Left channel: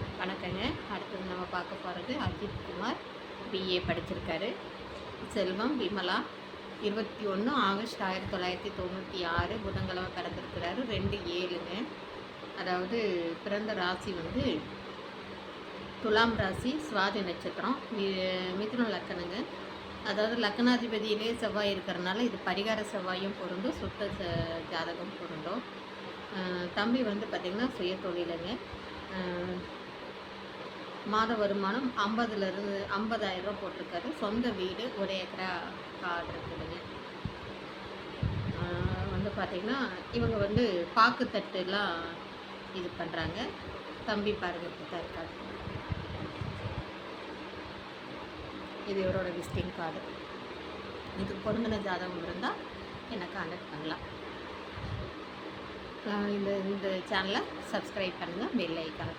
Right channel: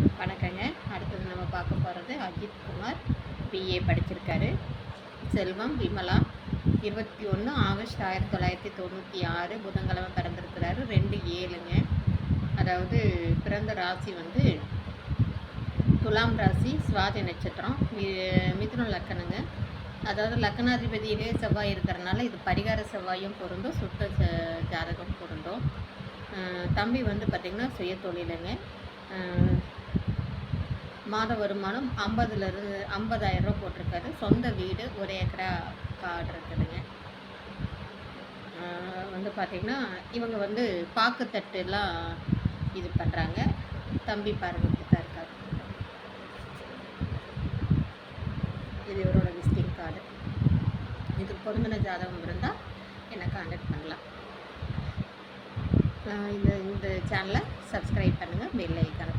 வணக்கங்க. அடுத்தது நம்ம பார்க்க போகிறது அஜித் குமார் பிஏ படிச்சிருக்காரு. செல்வம் விமலா இருபத்தி ஒன்று ஆகஸ்ட் ஆயிரத்தி தொள்ளாயிரத்தி தொண்ணூற்றி ஆறு புதன்கிழமை பிறந்திருக்கிறாரு. ரெண்டு ஏழுங்க. அதாவது பிறந்த ராசி வந்து துலாம் ராசி சுவாதி நட்சத்திரம் மி- மிதுன லக்கணங்க. அதாவது லக்னாதிபதியிலே செவ்வாய் இருக்கிறனால இது பரிகார செவ்வாயும் பொருந்தும் சுத்த ஜாதகம் பொருந்தும். தம்பி வந்து பார்த்திங்கன்னா சுய தொழிலுங்க மாத வருமானம் ஐம்பதுலேருந்து ஐம்பதாயிரம் ரூபா போட்டிருக்காரு. சொந்த வீடு ஒரு ஏக்கரா காடு இருக்குதுங்க. வந்து பார்த்திங்கன்னா இவங்க வந்து பாக்குத்தட்டுலாம் இது பண்ணுறாங்க தம்பி பாருங்க தான் இருக்காங்க. இது இவரோட விசிட்டிங் கார்டு. இது பொருந்தின ஜாதகம் இருந்தால் என்னை காண்டக்ட் பண்ணலாம். இந்த இந்த சேனலை சப்ஸ்கிரைப் பண்ணுங்கள் பெல் ஐக்கான